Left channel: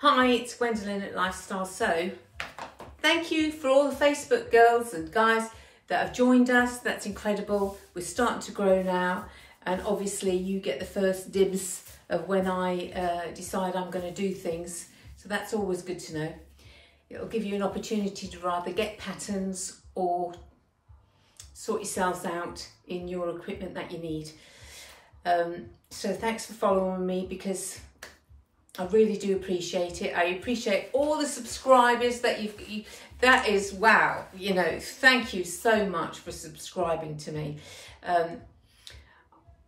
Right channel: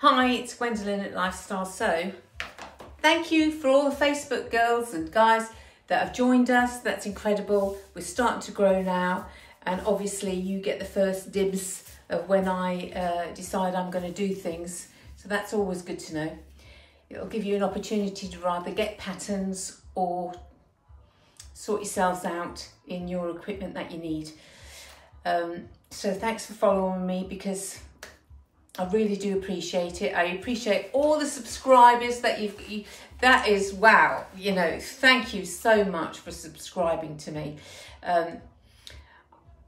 Hi, it's Gwendolyn at Lifestyle Sew. Thank you for all the Facebook girls and guys that have joined us. That's incredible. We're starting to grow now, and obviously you get the first dibs of when I decide I'm going to do things. So that's always good to know. It'll give you an opportunity to either get patterns or sort yourselves out in your equipment that you need. So thanks for following me, because I really do appreciate it. I appreciate all the subscribers that that is, wow, you know, thank you so much for subscribing to me. I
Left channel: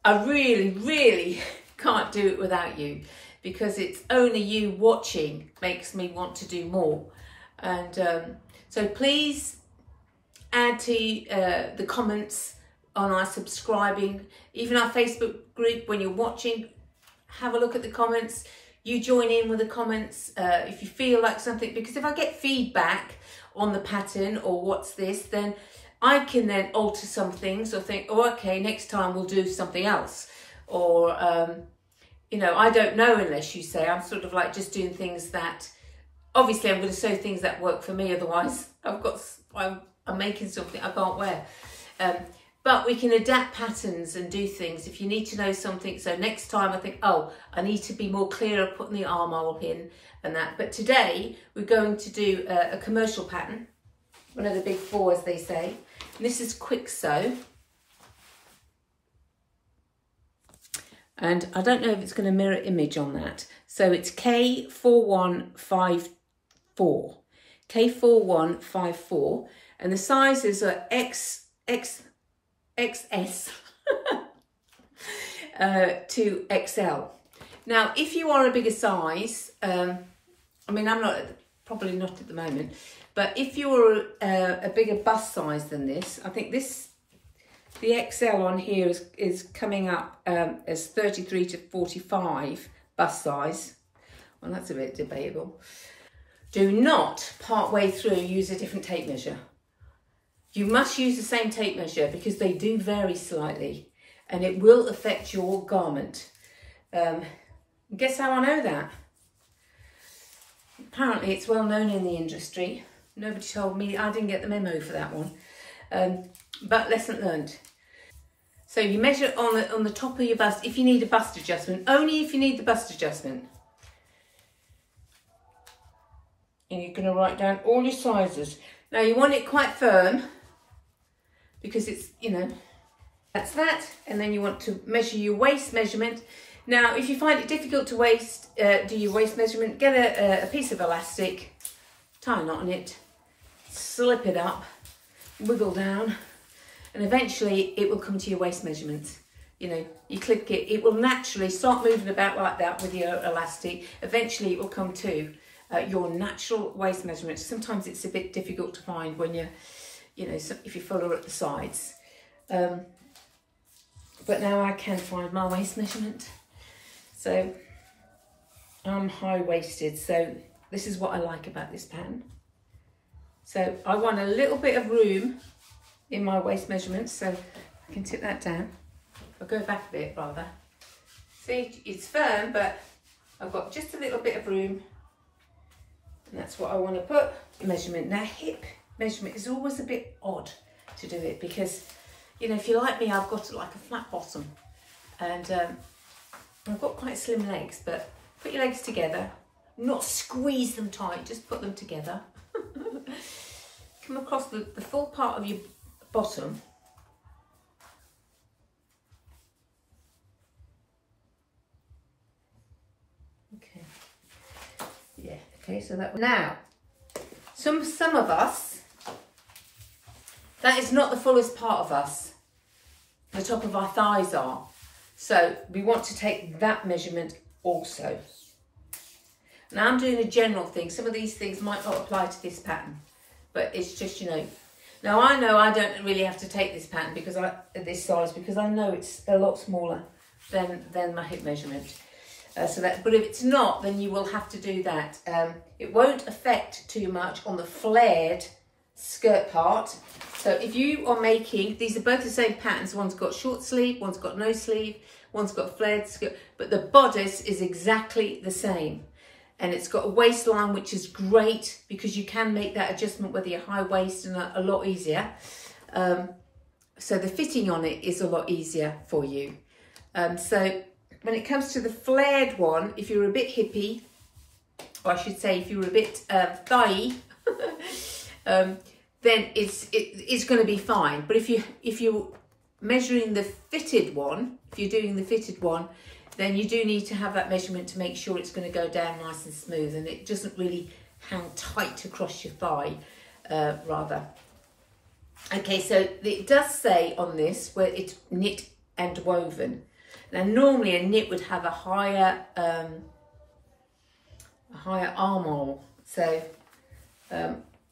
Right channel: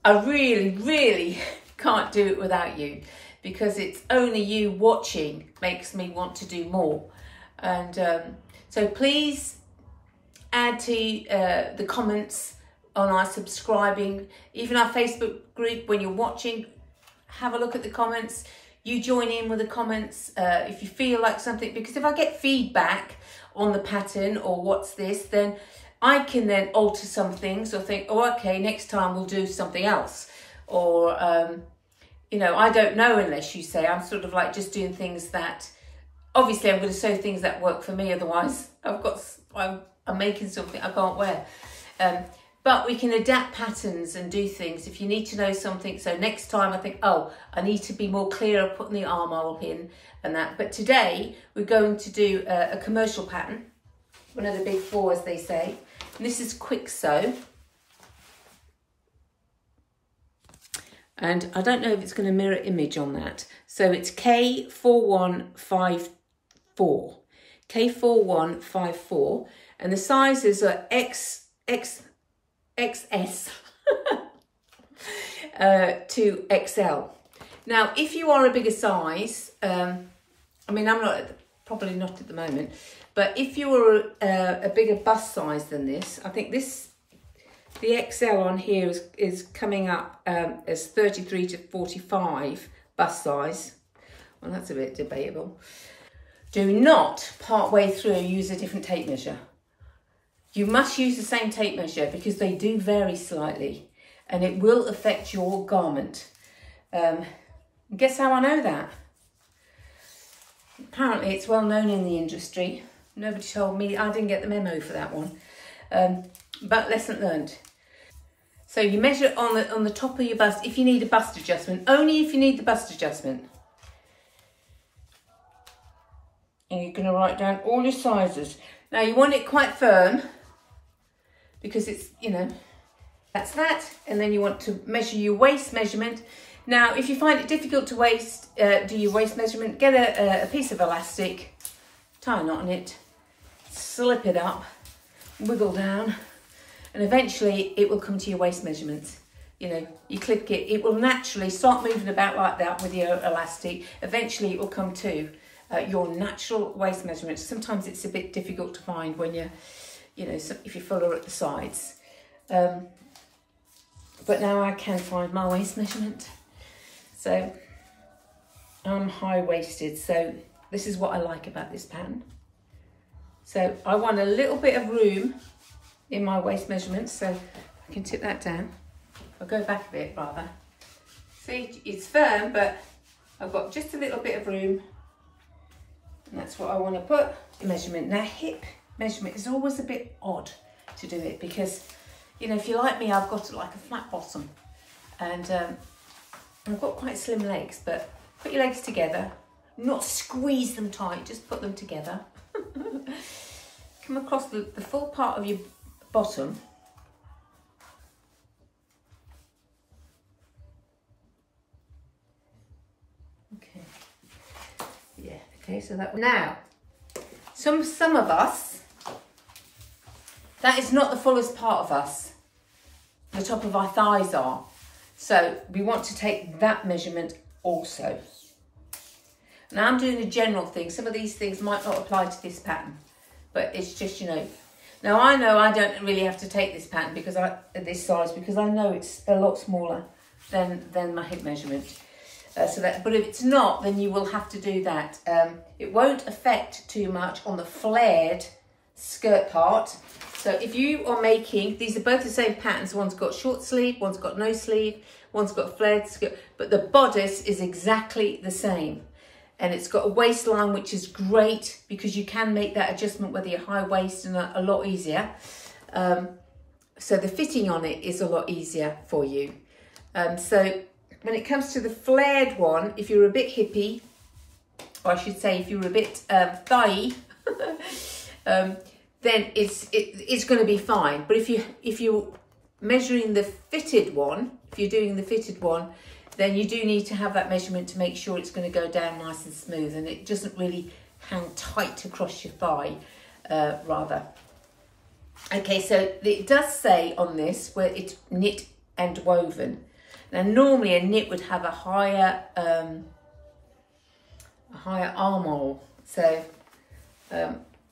really can't do it without you, because it's only you watching makes me want to do more. And so please add to the comments on our subscribing, even our Facebook group. When you're watching, have a look at the comments. You join in with the comments if you feel like something, because if I get feedback on the pattern or what's this, then I can then alter some things or think, oh, okay, next time we'll do something else. Or, you know, I don't know unless you say. I'm sort of like just doing things that, obviously I'm going to sew things that work for me. Otherwise I'm making something I can't wear. But we can adapt patterns and do things if you need to know something. So next time I think, oh, I need to be more clear of putting the armhole in and that. But today we're going to do a commercial pattern, one of the big four, as they say. And this is Kwik sew. And I don't know if it's going to mirror image on that. So it's K4154. K4154. And the sizes are XS to XL. Now, if you are a bigger size, I mean, I'm not, probably not at the moment, but if you're a bigger bust size than this, I think this, the XL on here is coming up as 33 to 45 bust size. Well, that's a bit debatable. Do not part way through use a different tape measure. You must use the same tape measure, because they do vary slightly and it will affect your garment. Guess how I know that? Apparently it's well known in the industry. Nobody told me, I didn't get the memo for that one. But lesson learned. So you measure on the top of your bust if you need a bust adjustment, only if you need the bust adjustment. And you're going to write down all your sizes. Now you want it quite firm, because it's, you know, that's that. And then you want to measure your waist measurement. Now, if you find it difficult to do your waist measurement, get a piece of elastic, tie a knot in it, slip it up, wiggle down, and eventually it will come to your waist measurement. You know, you click it, it will naturally start moving about like that with your elastic. Eventually it will come to your natural waist measurement. Sometimes it's a bit difficult to find when you're, you know, if you're fuller at the sides. But now I can find my waist measurement. So I'm high-waisted, so this is what I like about this pattern. So I want a little bit of room in my waist measurement, so I can tip that down. I'll go back a bit rather. See, it's firm, but I've got just a little bit of room. And that's what I want to put. Measurement. Now, hip measurement is always a bit odd to do it, because, you know, if you're like me, I've got like a flat bottom, and I've got quite slim legs. But put your legs together, not squeeze them tight, just put them together. Come across the full part of your bottom. Okay. Yeah. Okay. So that now, some of us, that is not the fullest part of us. The top of our thighs are. So we want to take that measurement also. Now I'm doing a general thing. Some of these things might not apply to this pattern, but it's just, you know. Now I know I don't really have to take this pattern because this size, because I know it's a lot smaller than my hip measurement. But if it's not, then you will have to do that. It won't affect too much on the flared skirt part. So if you are making, these are both the same patterns. One's got short sleeve, one's got no sleeve, one's got flared skirt, but the bodice is exactly the same. and it's got a waistline, which is great because you can make that adjustment whether you're high waist and a lot easier. So the fitting on it is a lot easier for you. So when it comes to the flared one, if you're a bit hippie, or I should say if you're a bit thighy, then it's going to be fine. But if you're measuring the fitted one, if you're doing the fitted one, then you do need to have that measurement to make sure it's going to go down nice and smooth, and it doesn't really hang tight across your thigh, rather. Okay, so it does say on this where it's knit and woven. Now, normally a knit would have a higher armhole, so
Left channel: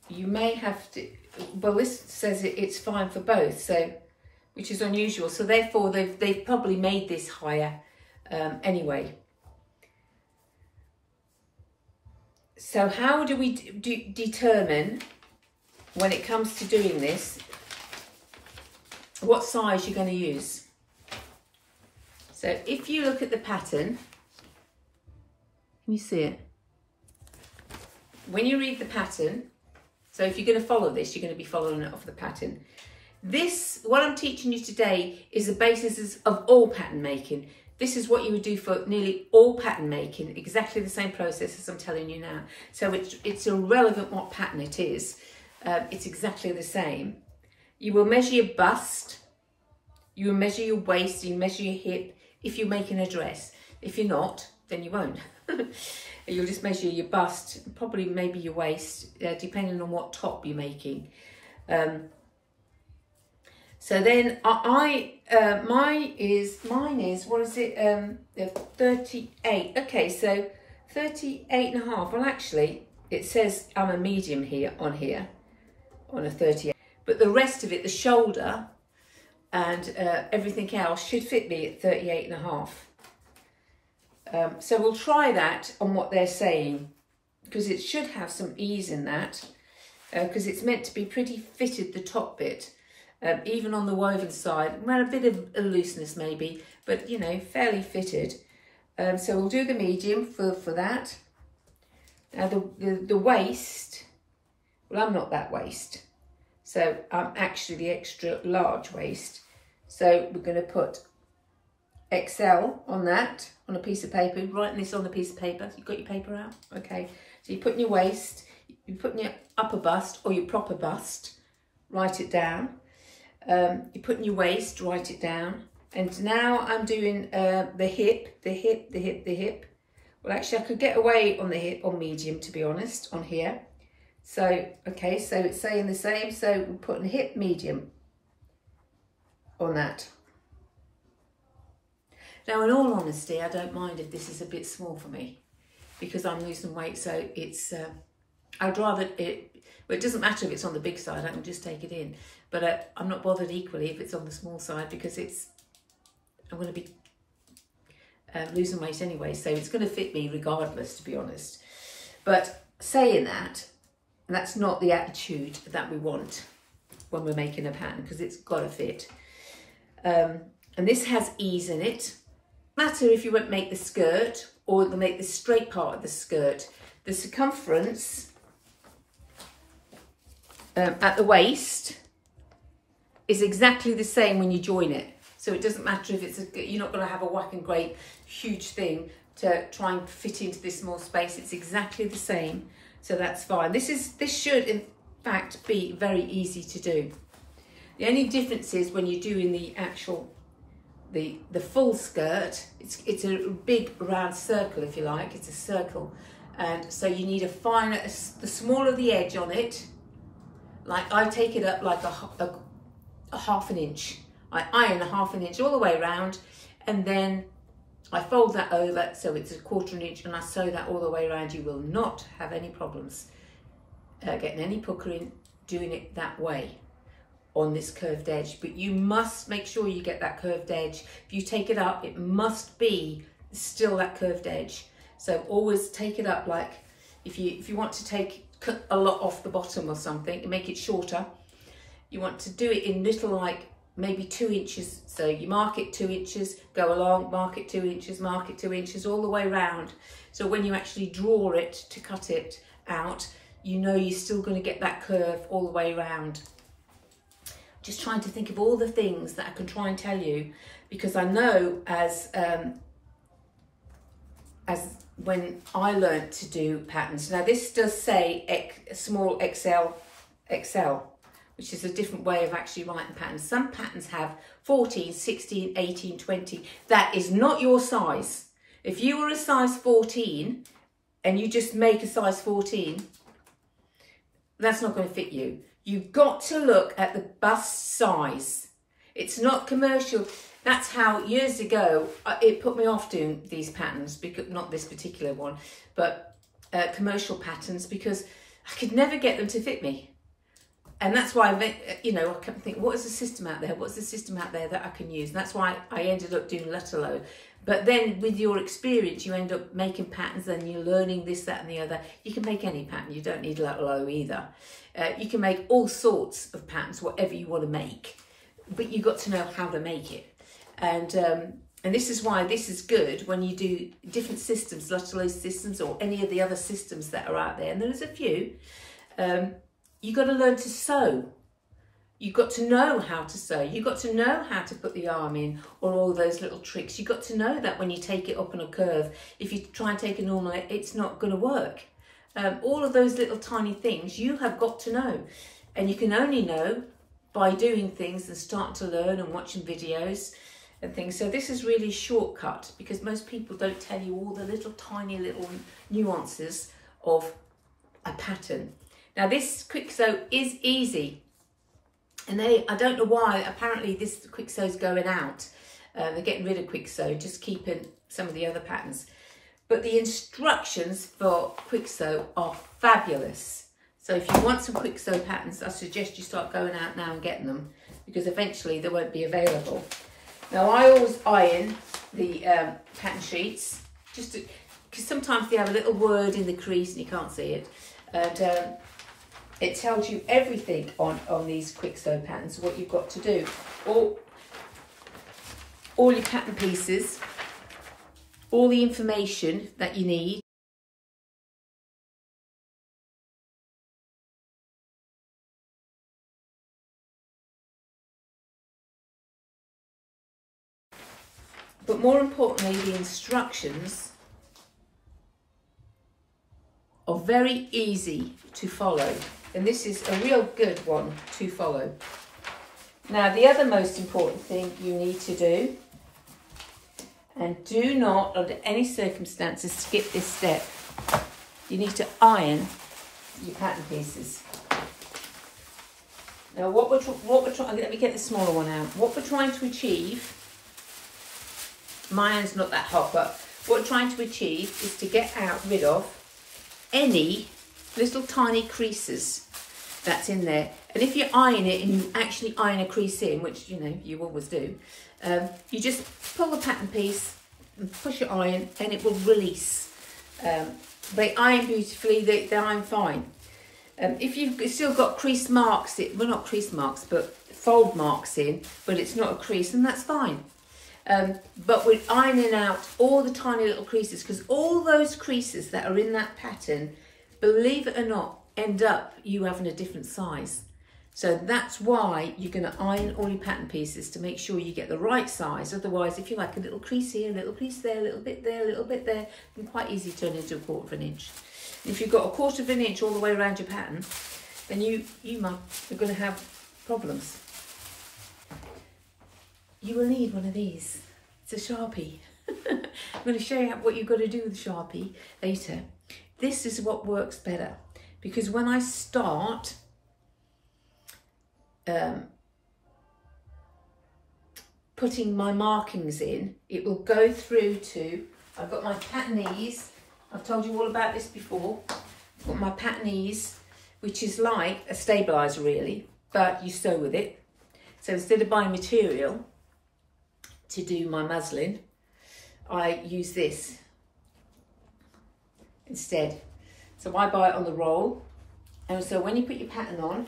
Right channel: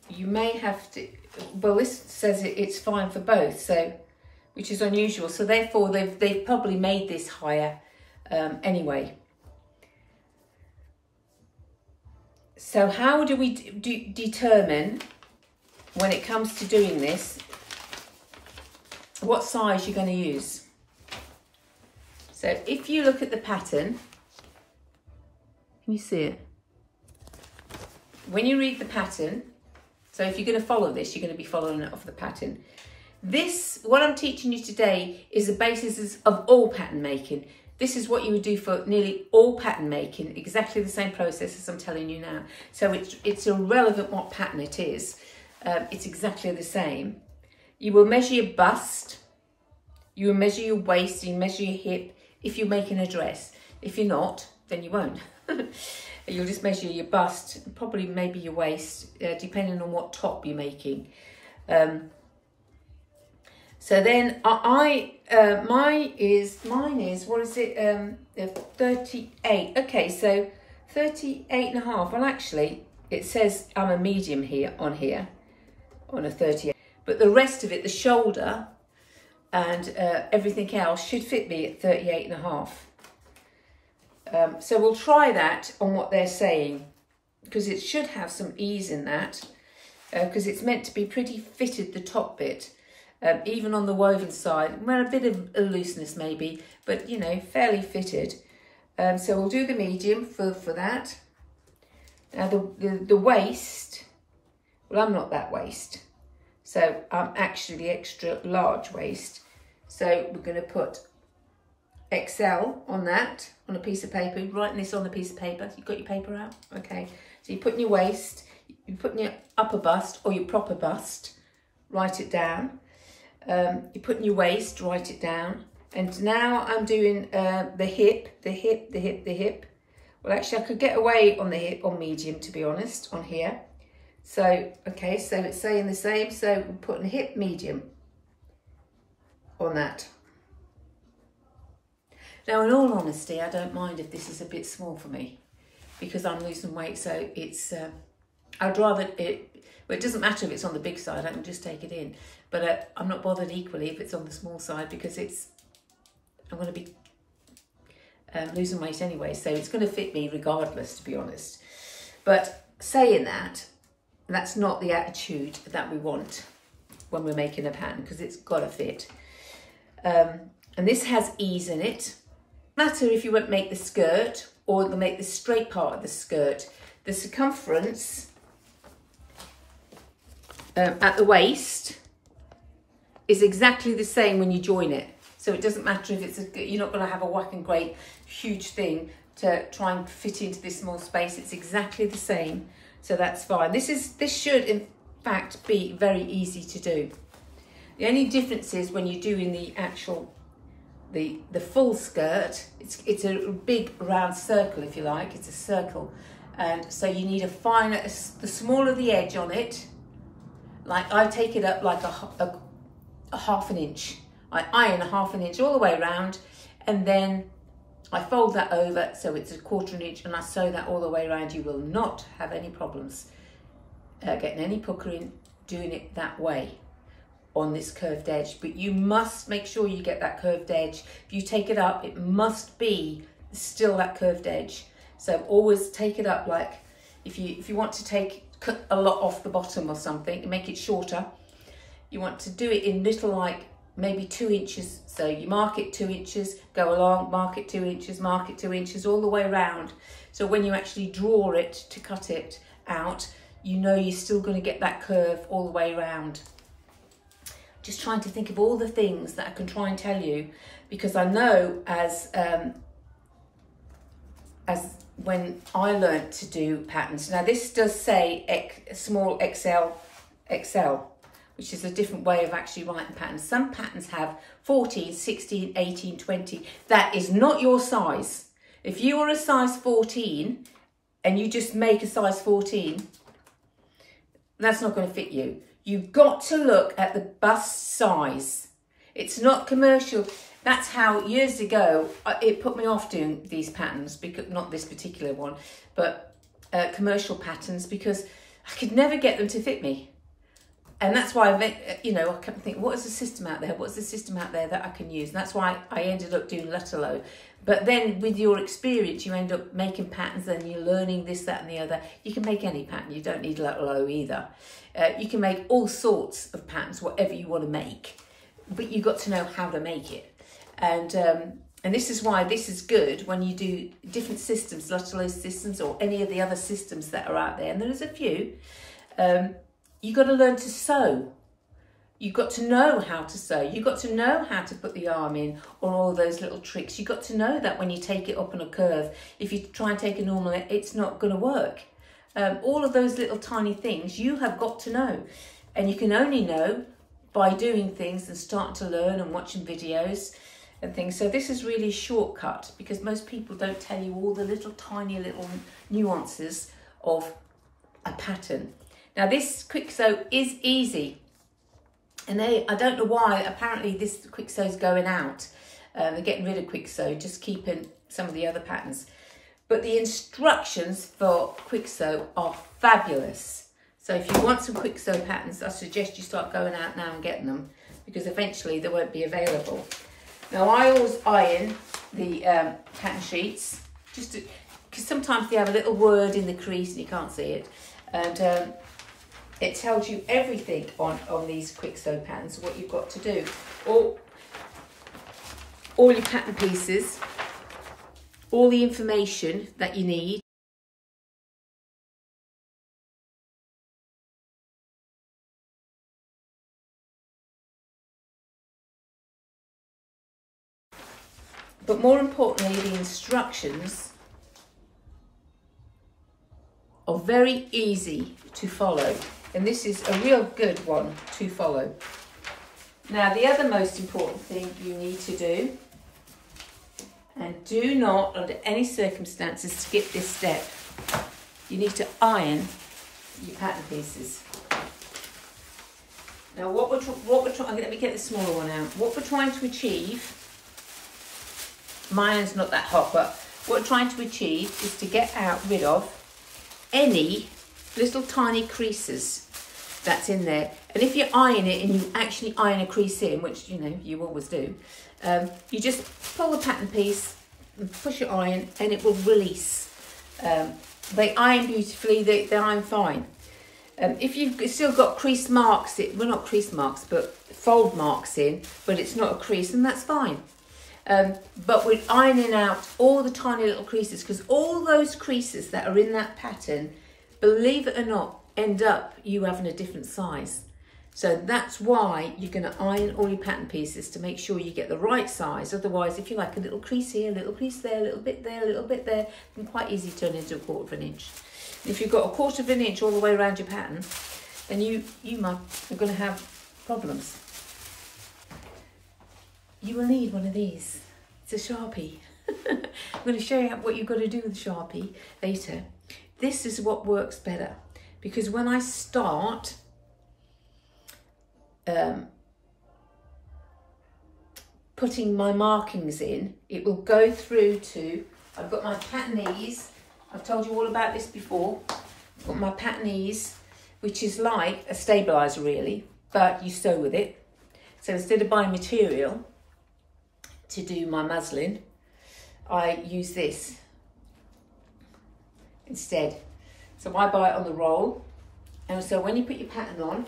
you may have to. Well, this says it's fine for both, so which is unusual. So therefore, they've probably made this higher anyway. So how do we determine when it comes to doing this what size you're going to use? So if you look at the pattern, can you see it? When you read the pattern, so if you're going to follow this, you're going to be following it off the pattern. This, what I'm teaching you today, is the basis of all pattern making. This is what you would do for nearly all pattern making, exactly the same process as I'm telling you now. So it's irrelevant what pattern it is. It's exactly the same. You will measure your bust, you will measure your waist, you measure your hip if you're making a dress. If you're not, then you won't. You'll just measure your bust, probably maybe your waist, depending on what top you're making. So then mine is, what is it, 38. Okay, so 38 and a half. Well, actually, it says I'm a medium here, on a 38. But the rest of it, the shoulder and everything else should fit me at 38 and a half. So we'll try that on what they're saying, because it should have some ease in that, because it's meant to be pretty fitted, the top bit, even on the woven side. Well, a bit of a looseness maybe, but you know, fairly fitted. So we'll do the medium for that. Now the waist, well, I'm not that waist, so I'm actually the extra large waist. So we're going to put XL on that, on a piece of paper. You're writing this on a piece of paper. You've got your paper out? Okay. So you're putting your waist, you're putting your upper bust or your proper bust, write it down. You're putting your waist, write it down. And now I'm doing the hip. Well, actually, I could get away on the hip, on medium, to be honest, on here. So, okay, so it's saying the same. So we're putting hip medium on that. Now, in all honesty, I don't mind if this is a bit small for me because I'm losing weight. So it's, I'd rather it, well, it doesn't matter if it's on the big side, I can just take it in. But I'm not bothered equally if it's on the small side because I'm going to be losing weight anyway. So it's going to fit me regardless, to be honest. But saying that, that's not the attitude that we want when we're making a pattern, because it's got to fit. And this has ease in it. No matter if you won't make the skirt or make the straight part of the skirt, the circumference at the waist is exactly the same when you join it. So it doesn't matter if it's you're not going to have a whack and great huge thing to try and fit into this small space. It's exactly the same, so that's fine. This should in fact be very easy to do. The only difference is when you're doing the actual the full skirt. It's a big round circle, if you like. It's a circle, and so you need a finer, the smaller the edge on it. Like I take it up like a half an inch. I iron a half an inch all the way around, and then I fold that over so it's a quarter an inch, and I sew that all the way around. You will not have any problems getting any puckering doing it that way on this curved edge. But you must make sure you get that curved edge. If you take it up, it must be still that curved edge. So always take it up, like if you want to cut a lot off the bottom or something and make it shorter, you want to do it in little like maybe 2 inches. So you mark it 2 inches, go along, mark it 2 inches, mark it 2 inches, all the way around. So when you actually draw it to cut it out, you know you're still going to get that curve all the way around. Just trying to think of all the things that I can try and tell you, because I know as when I learnt to do patterns. Now this does say small XL, which is a different way of actually writing patterns. Some patterns have 14, 16, 18, 20. That is not your size. If you are a size 14 and you just make a size 14, that's not going to fit you. You've got to look at the bust size. It's not commercial. That's how years ago it put me off doing these patterns, because not this particular one, but commercial patterns, because I could never get them to fit me. And that's why I kept thinking, what is the system out there? What's the system out there that I can use? And that's why I ended up doing Lutterlow. But then with your experience, you end up making patterns and you're learning this, that and the other. You can make any pattern. You don't need Lutterlow either. You can make all sorts of patterns, whatever you want to make. But you've got to know how to make it. And this is why this is good when you do different systems, Lutterlow systems or any of the other systems that are out there. And there's a few. You've got to learn to sew. You've got to know how to sew. You've got to know how to put the arm in, or all those little tricks. You've got to know that when you take it up on a curve, if you try and take a normal, it's not going to work. All of those little tiny things you have got to know. And you can only know by doing things and starting to learn and watching videos and things. So this is really a shortcut, because most people don't tell you all the little tiny little nuances of a pattern. Now this Kwik Sew is easy, and I don't know why, apparently this Kwik Sew is going out. They're getting rid of Kwik Sew, just keeping some of the other patterns. But the instructions for Kwik Sew are fabulous. So if you want some Kwik Sew patterns, I suggest you start going out now and getting them, because eventually they won't be available. Now I always iron the pattern sheets, just because sometimes they have a little word in the crease and you can't see it. And it tells you everything on these Kwik Sew patterns, what you've got to do. All your pattern pieces, all the information that you need. But more importantly, the instructions are very easy to follow. And this is a real good one to follow. Now, the other most important thing you need to do, and do not under any circumstances skip this step, you need to iron your pattern pieces. Now what we're trying, let me get the smaller one out. What we're trying to achieve, my iron's not that hot, but what we're trying to achieve is to get rid of any little tiny creases that's in there. And if you iron it and you actually iron a crease in, which you always do, you just pull the pattern piece and push it iron and it will release. They iron beautifully, they iron fine. If you've still got crease marks, well, not crease marks, but fold marks in, but it's not a crease, and that's fine. But we're ironing out all the tiny little creases, because all those creases that are in that pattern, believe it or not, end up you having a different size. So that's why you're going to iron all your pattern pieces to make sure you get the right size. Otherwise, if you like a little crease here, a little crease there, a little bit there, a little bit there, it can quite easily turn into a 1/4 of an inch. And if you've got a 1/4 of an inch all the way around your pattern, then you're going to have problems. You will need one of these. It's a Sharpie. I'm going to show you what you've got to do with the Sharpie later. This is what works better, because when I start putting my markings in, it will go through to, I've got my patternese. I've told you all about this before. I've got my patternese, which is like a stabilizer really, but you sew with it. So instead of buying material to do my muslin, I use this instead. So I buy it on the roll. And so when you put your pattern on,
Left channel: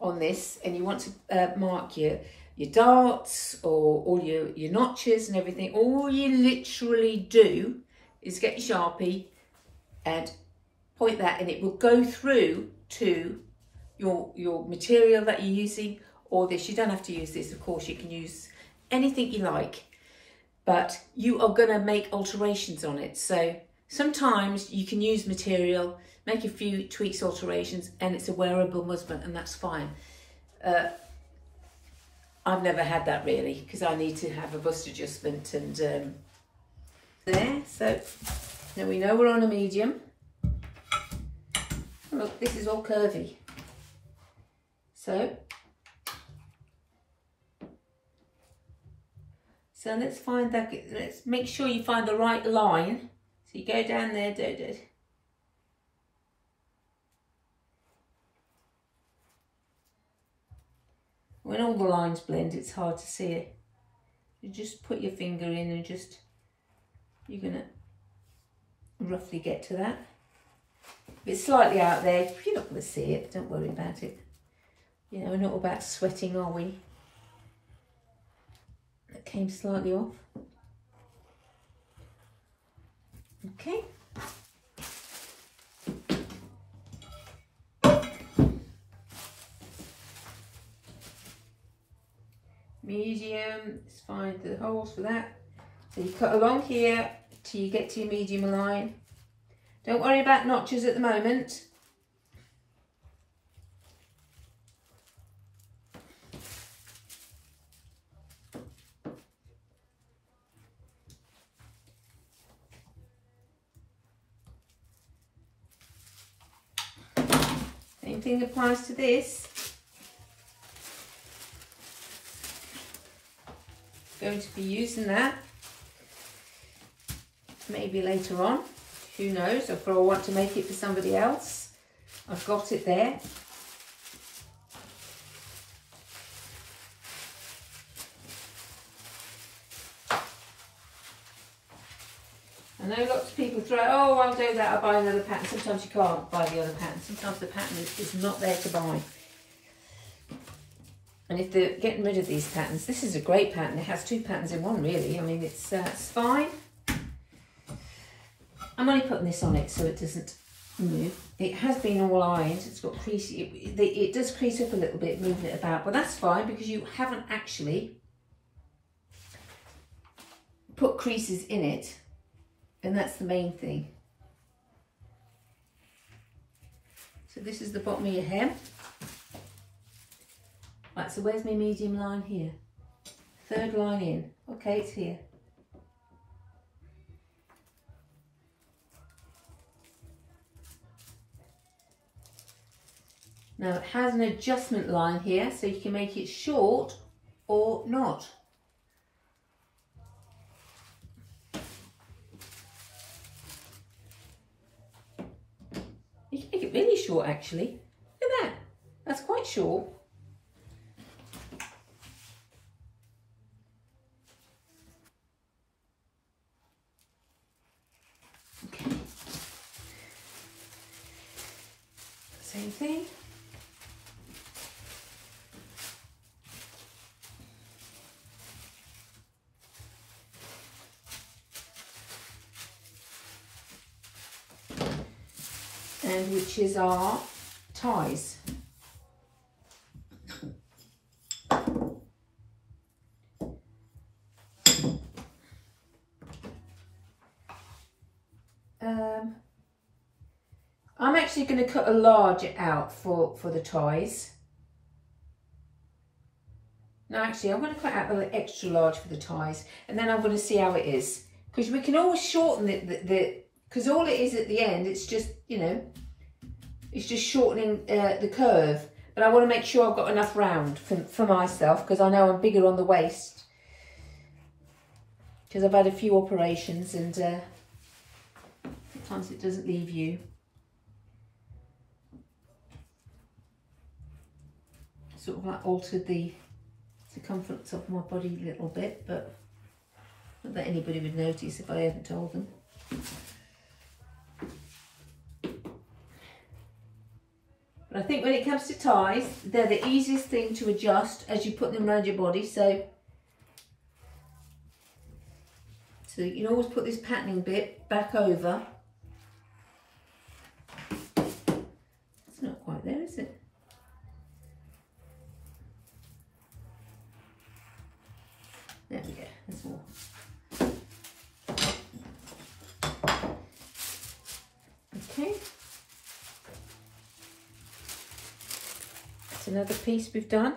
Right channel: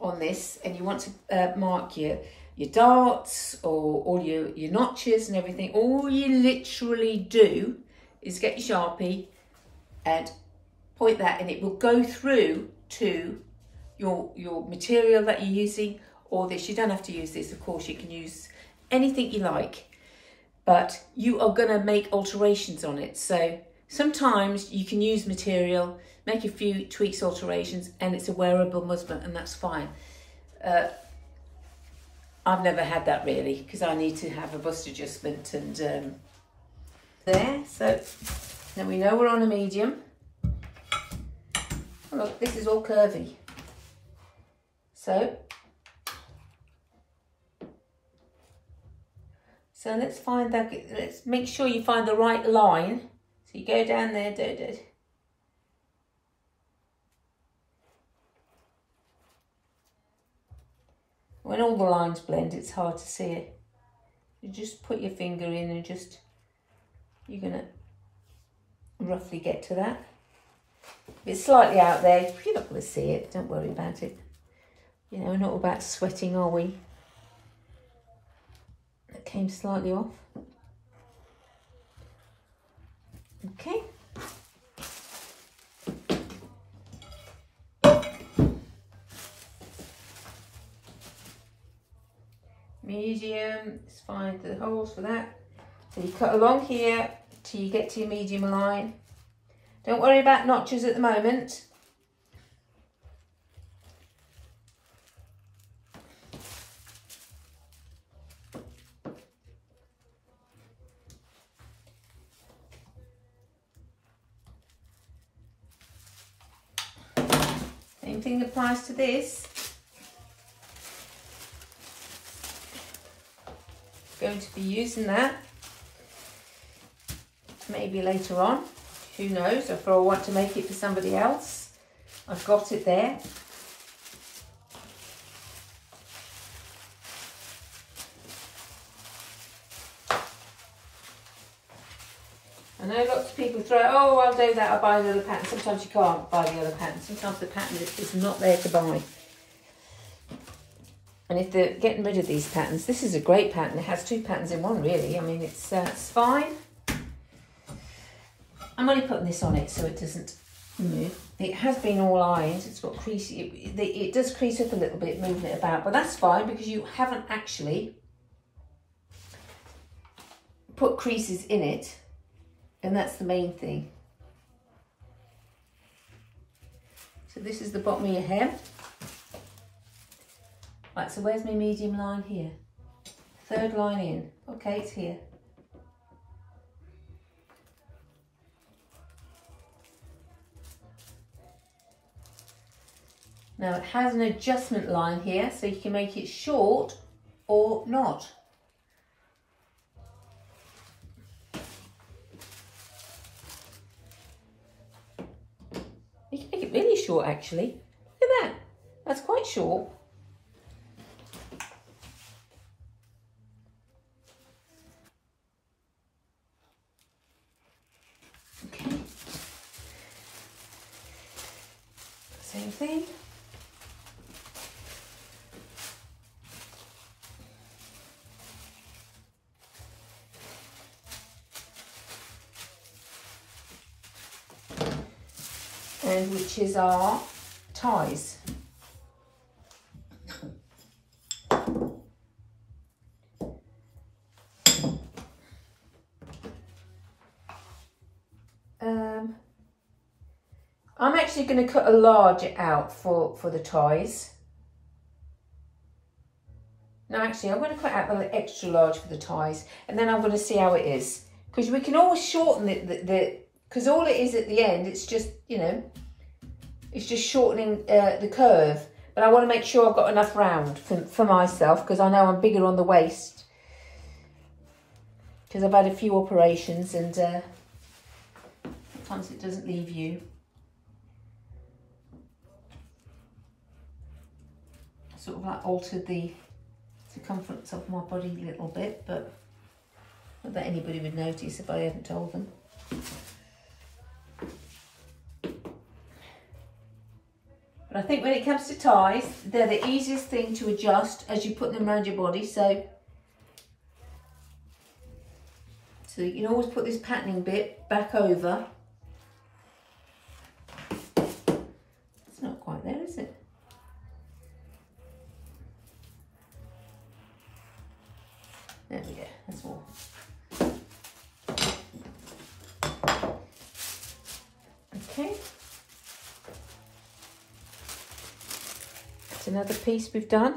on this and you want to mark your darts or all your notches and everything, all you literally do is get your Sharpie and point that, and it will go through to your material that you're using, or this. You don't have to use this, of course, you can use anything you like, but you are going to make alterations on it. So sometimes you can use material, make a few tweaks, alterations, and it's a wearable muslin, and that's fine. I've never had that really, because I need to have a bust adjustment and there. So now we know we're on a medium. Oh, look, this is all curvy. So let's find that. Let's make sure you find the right line. So you go down there, When all the lines blend, it's hard to see it. You just put your finger in and you're gonna roughly get to that. If it's slightly out there, you're not going to see it, don't worry about it. You know, we're not about sweating, are we? That came slightly off. Okay. Medium, let's find the holes for that. So you cut along here till you get to your medium line. Don't worry about notches at the moment. Same thing applies to this. Going to be using that maybe later on. Who knows, if I want to make it for somebody else. I've got it there. I know lots of people throw, oh, I'll do that, I'll buy another pattern. Sometimes you can't buy the other pattern. Sometimes the pattern is not there to buy. And if they're getting rid of these patterns, this is a great pattern. It has two patterns in one, really. I mean, it's fine. I'm only putting this on it so it doesn't move. It has been all ironed. It's got crease. It does crease up a little bit moving it about, but that's fine because you haven't actually put creases in it, and that's the main thing. So this is the bottom of your hem. Right, so where's my medium line here? Third line in. Okay, it's here. Now it has an adjustment line here, so you can make it short or not. You can make it really short actually. Look at that. That's quite short. Okay. Same thing. And which is our ties. I'm actually going to cut a large out for the ties. No, actually, I'm going to cut out an extra large for the ties, and then I'm going to see how it is. Because we can always shorten it, because all it is at the end, it's just, you know, it's just shortening the curve. But I want to make sure I've got enough round for myself, because I know I'm bigger on the waist. Because I've had a few operations, and sometimes it doesn't leave you. Sort of like altered the circumference of my body a little bit, but not that anybody would notice if I hadn't told them. But I think when it comes to ties, they're the easiest thing to adjust as you put them around your body. So you can always put this patterning bit back over. It's not quite there, is it? There we go, that's more. Okay. That's another piece we've done.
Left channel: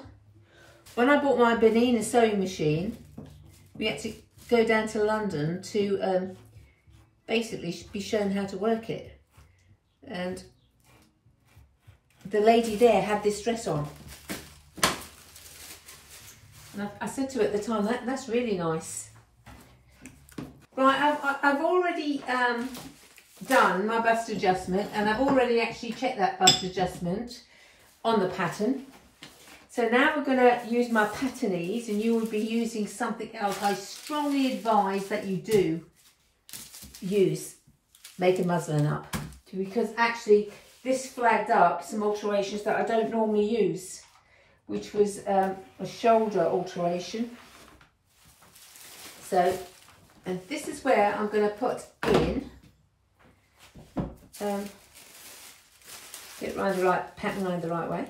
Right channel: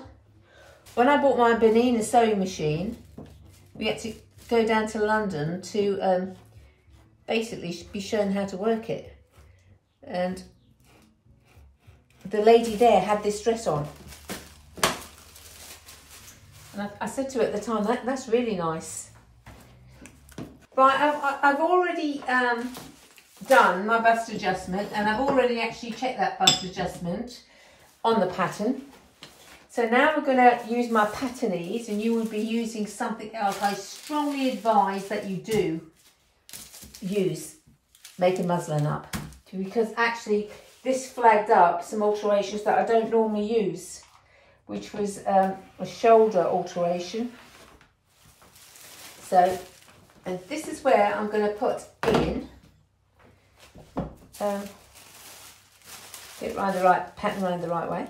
When I bought my Benina sewing machine, we had to go down to London to basically be shown how to work it. And the lady there had this dress on. And I said to her at the time, that's really nice. Right, I've already done my bust adjustment, and I've already actually checked that bust adjustment on the pattern. So now we're going to use my pattern ease, and you will be using something else. I strongly advise that you do use Make a Muslin Up, because actually this flagged up some alterations that I don't normally use, which was a shoulder alteration. So, and this is where I'm going to put in, get around the right pattern around the right way.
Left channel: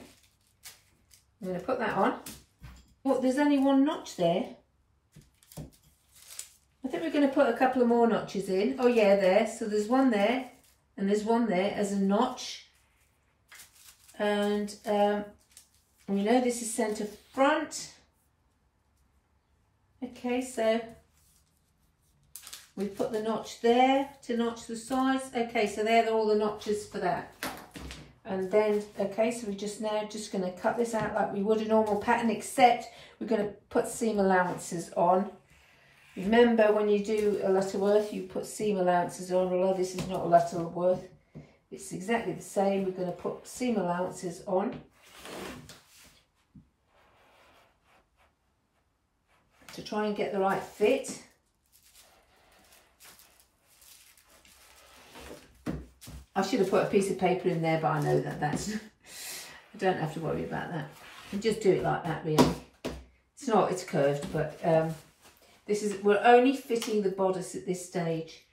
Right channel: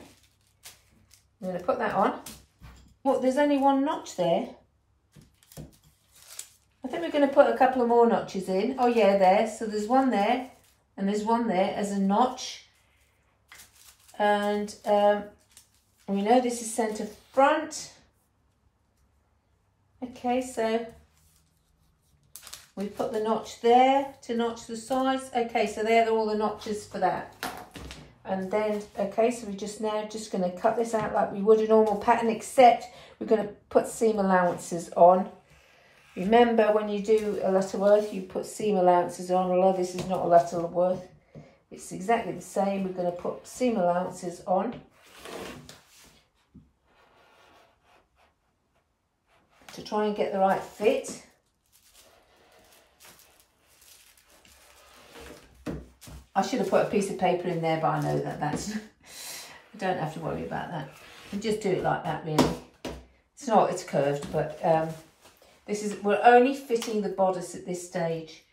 I'm going to put that on. Well, there's only one notch there. I think we're going to put a couple of more notches in. Oh yeah, there. So there's one there, and there's one there as a notch. And we know this is centre front. Okay, so we put the notch there to notch the sides. Okay, so there are all the notches for that. And then, okay, so we're just going to cut this out like we would a normal pattern, except we're going to put seam allowances on. Remember, when you do a Lutterworth, you put seam allowances on, although this is not a Lutterworth. It's exactly the same. We're going to put seam allowances on. To try and get the right fit. I should have put a piece of paper in there, but I know that that's, you don't have to worry about that. You just do it like that, really. It's not, it's curved, but this is, we're only fitting the bodice at this stage.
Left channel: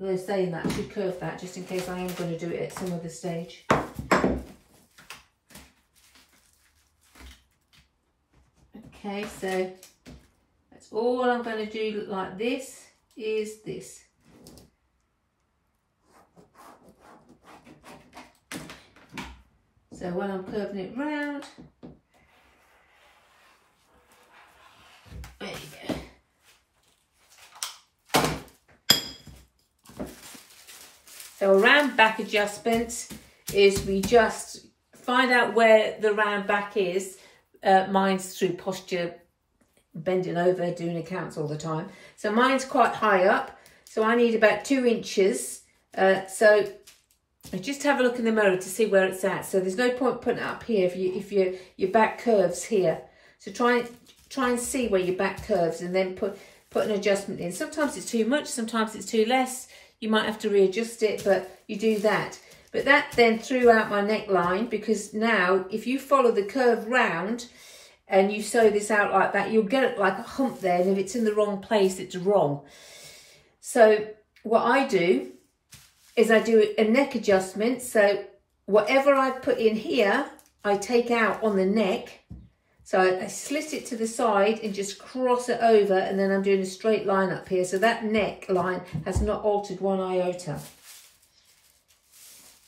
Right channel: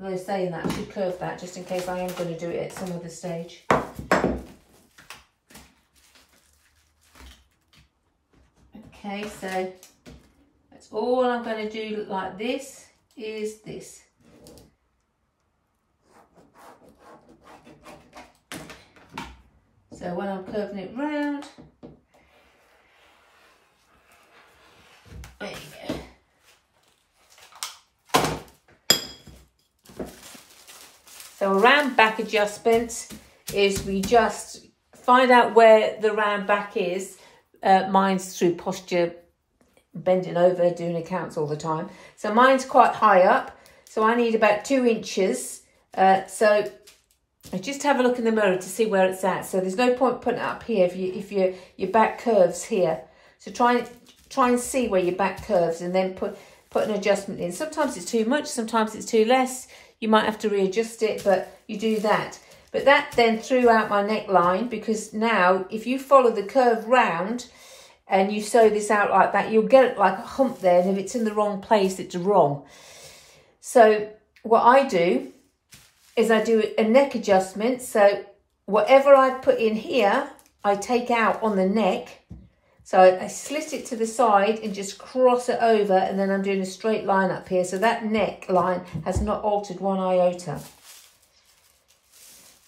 They're saying that I should curve that just in case I am going to do it at some other stage. Okay, so that's all I'm going to do like this is this. So when I'm curving it round, there you go. So a round back adjustment is we just find out where the round back is. Mine's through posture, bending over, doing accounts all the time. So mine's quite high up, so I need about 2 inches. So just have a look in the mirror to see where it's at. So there's no point putting it up here if your back curves here. So try and see where your back curves, and then put an adjustment in. Sometimes it's too much, sometimes it's too less. You might have to readjust it, but you do that. But that then threw out my neckline, because now if you follow the curve round and you sew this out like that, you'll get it like a hump there, and if it's in the wrong place, it's wrong. So what I do is I do a neck adjustment. So whatever I put in here, I take out on the neck. So I slit it to the side and just cross it over, and then I'm doing a straight line up here. So that neck line has not altered one iota.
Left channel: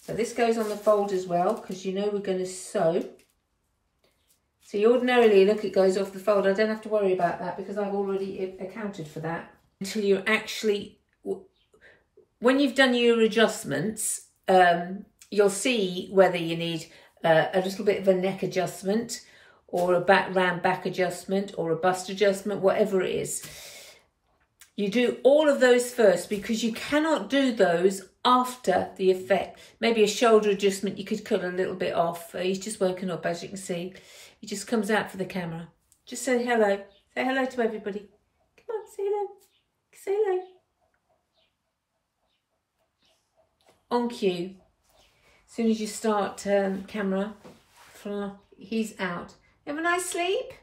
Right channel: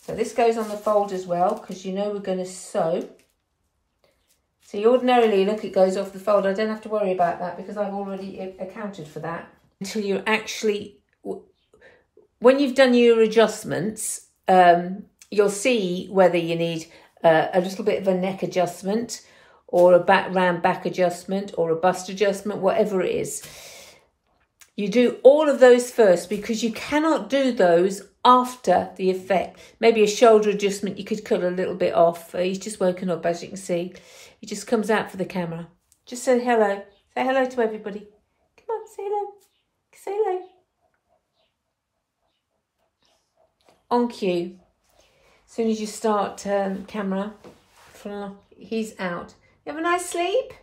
So this goes on the fold as well, because you know we're going to sew. So you ordinarily, look, it goes off the fold. I don't have to worry about that because I've already accounted for that. Until you're actually, when you've done your adjustments, you'll see whether you need a little bit of a neck adjustment, or a round back adjustment, or a bust adjustment, whatever it is. You do all of those first, because you cannot do those after the effect. Maybe a shoulder adjustment, you could cut a little bit off. He's just woken up, as you can see. He just comes out for the camera. Just say hello. Say hello to everybody. Come on, say hello. Say hello. On cue. As soon as you start camera, he's out. You have a nice sleep?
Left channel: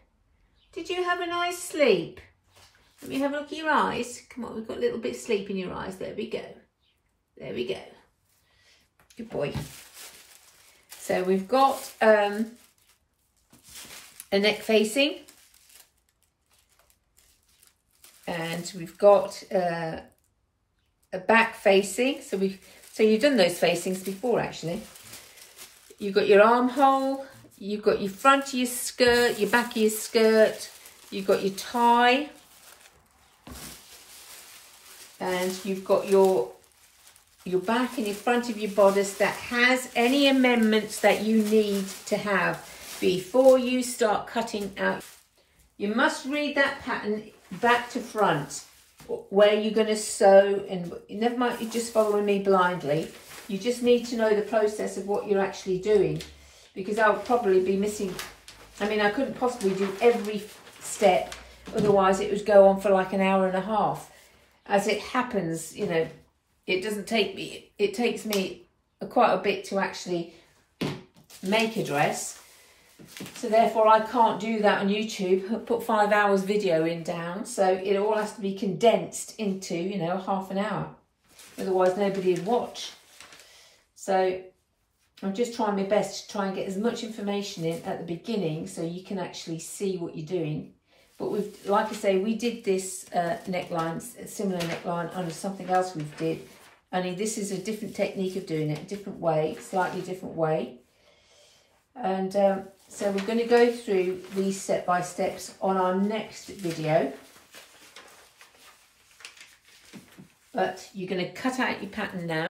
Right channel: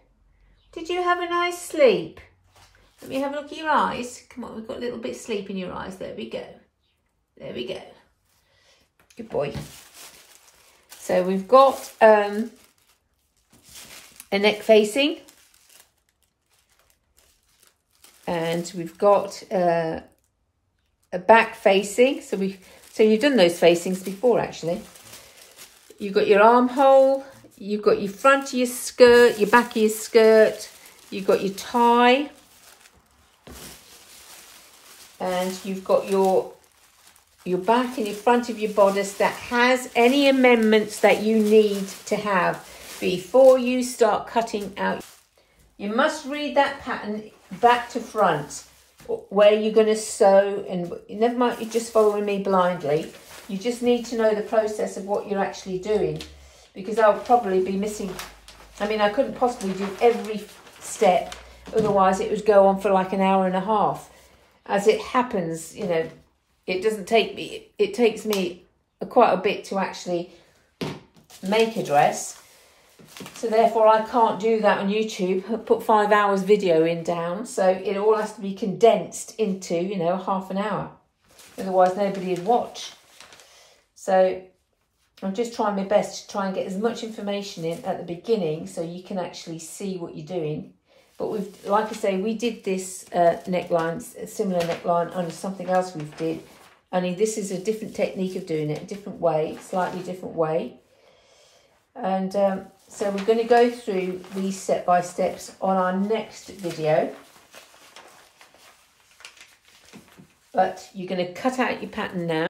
Did you have a nice sleep? Let me have a look at your eyes. Come on, we've got a little bit of sleep in your eyes. There we go. There we go. Good boy. So we've got a neck facing. And we've got a back facing. So you've done those facings before, actually. You've got your armhole. You've got your front of your skirt, your back of your skirt. You've got your tie. And you've got your back and your front of your bodice that has any amendments that you need to have before you start cutting out. You must read that pattern back to front, where you're going to sew, and never mind you just following me blindly. You just need to know the process of what you're actually doing, because I'll probably be missing. I mean, I couldn't possibly do every step, otherwise it would go on for like an hour and a half. As it happens, you know, it doesn't take me, it takes me quite a bit to actually make a dress. So therefore I can't do that on YouTube, put 5 hours video in down. So it all has to be condensed into, you know, half an hour. Otherwise nobody would watch. So I'm just trying my best to try and get as much information in at the beginning so you can actually see what you're doing. But we've, like I say, we did this neckline, a similar neckline under something else we did. Only this is a different technique of doing it, a different way, slightly different way. And so we're going to go through these step-by-steps on our next video. But you're going to cut out your pattern now.